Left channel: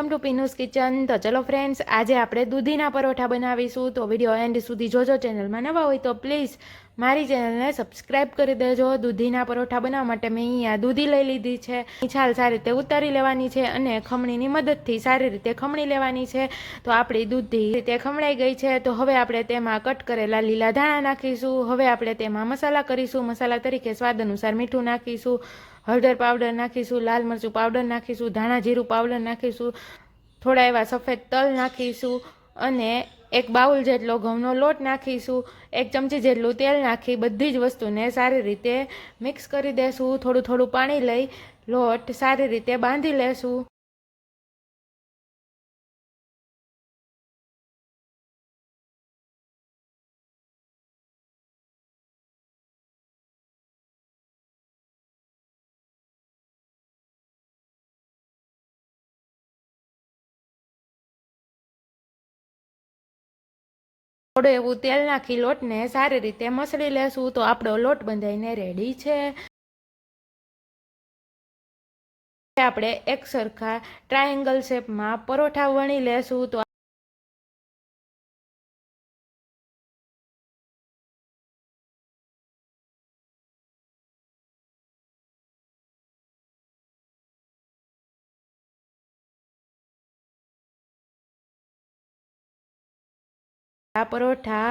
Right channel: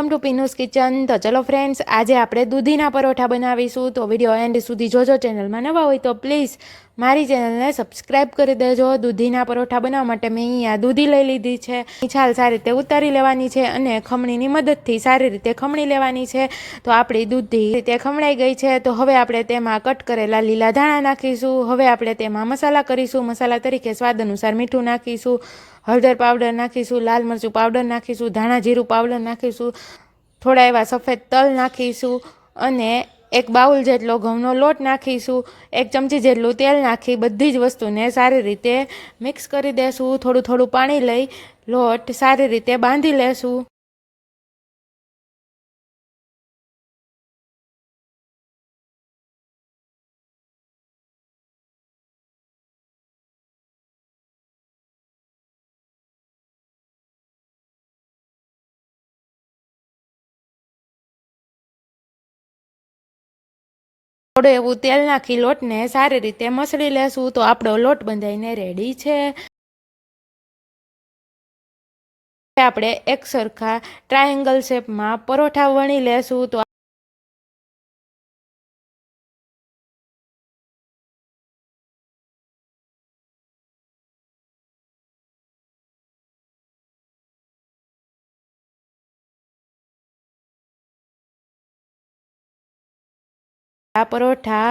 Welcome to પીનુસ kitchen. તો ચલો friends આજે આપણે દૂધીના પરોઠા બનાવીશું. તો વીડિયો એન્ડ સુધી જોજો. ચેનલમાં નવા હોય તો પ્લીઝ મારી ચેનલને સબસ્ક્રાઇબ કરી દેજો. દૂધીના પરોઠા બનાવવા માટે મેં અહીંયા દૂધી લઈ લીધી છે. છાલ સારી રીતે ઉતારી લેવાની છે અને ખમણીની મદદથી સારી રીતે ખમણી લેવાની છે. તો આપણી દૂધી રીતે ખમણાઈ ગઈ છે. તો હવે આપણે તેમાં કટ કરેલા લીલા ધાણા નાખીશું. હવે આપણે તેમાં મસાલા કરીશું. મસાલા તરીકે સ્વાદ અનુસાર મીઠું નાખીશું. હળદર પાવડર નાખીશું, લાલ મરચું પાવડર નાખીશું, ધાણા જીરું પાવડર નાખીશું, થોડા એવા સફેદ તલ નાખીશું અને એક બાઉલ જેટલો ઘઉંનો લોટ નાખીશું, એક ચમચી જેટલું તેલ નાખી બધી જ વસ્તુને સારી રીતે મિક્સ કરી દેશું, થોડું થોડું પાણી લઈ લોટ સારી રીતે બાંધી લેશું. થોડું એવું તેલ નાખી લોટને સારી રીતે મસળી લેશું તો આપણો લોટ બંધાઈને રેડી છે. આપણે એક સરખા ટ્રાયેંગલ શેપમાં પરોઠા વણી લેશું તો આ પરોઠા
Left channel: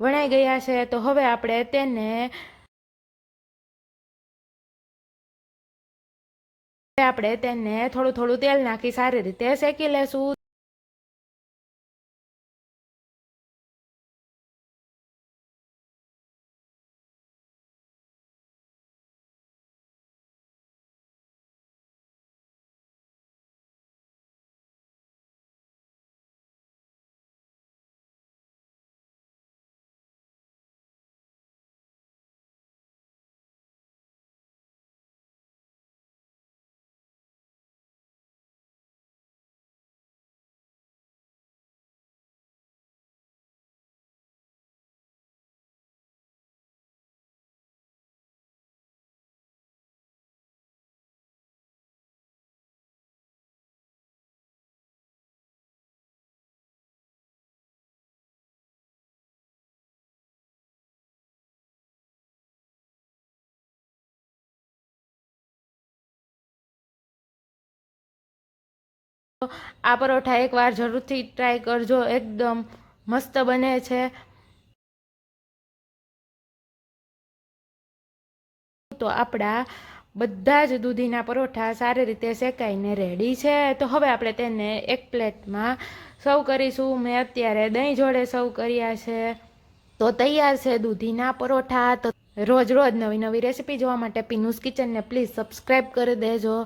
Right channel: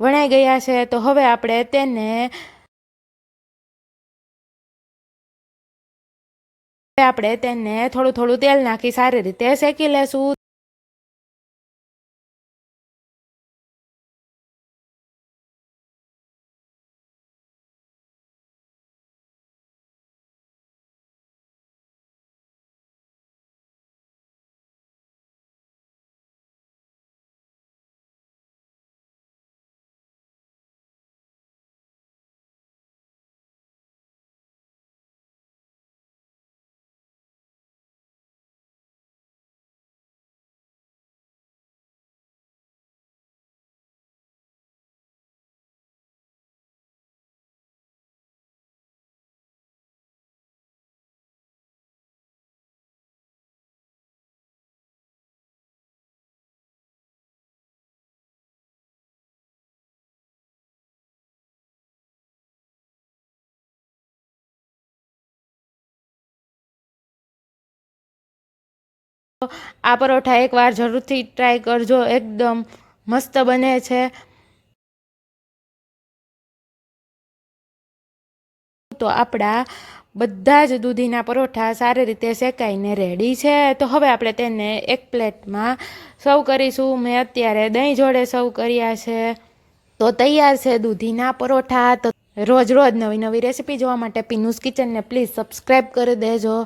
વણાઈ ગયા છે, તો હવે આપણે તેને આપણે તેને થોડું થોડું તેલ નાખી સારી રીતે શેકી લેશું. આ પરોઠા એકવાર જરૂરથી ટ્રાય કરજો. એકદમ મસ્ત બને છે. તો આપણા બધા જ દૂધીના પરોઠા સારી રીતે શેકાઈને રેડી છે. તો હવે આપણે તેને એક પ્લેટમાં સર્વ કરીશું. મેં અત્યારે દહીં જોડે સર્વ કર્યા છે. તો તૈયાર છે દૂધીના પરોઠા. તો રોજ રોજ નવી નવી રેસીપી જોવા માટે પીનુસ કિચનને પ્લીઝ સબસ્ક્રાઈબ કરી દેજો.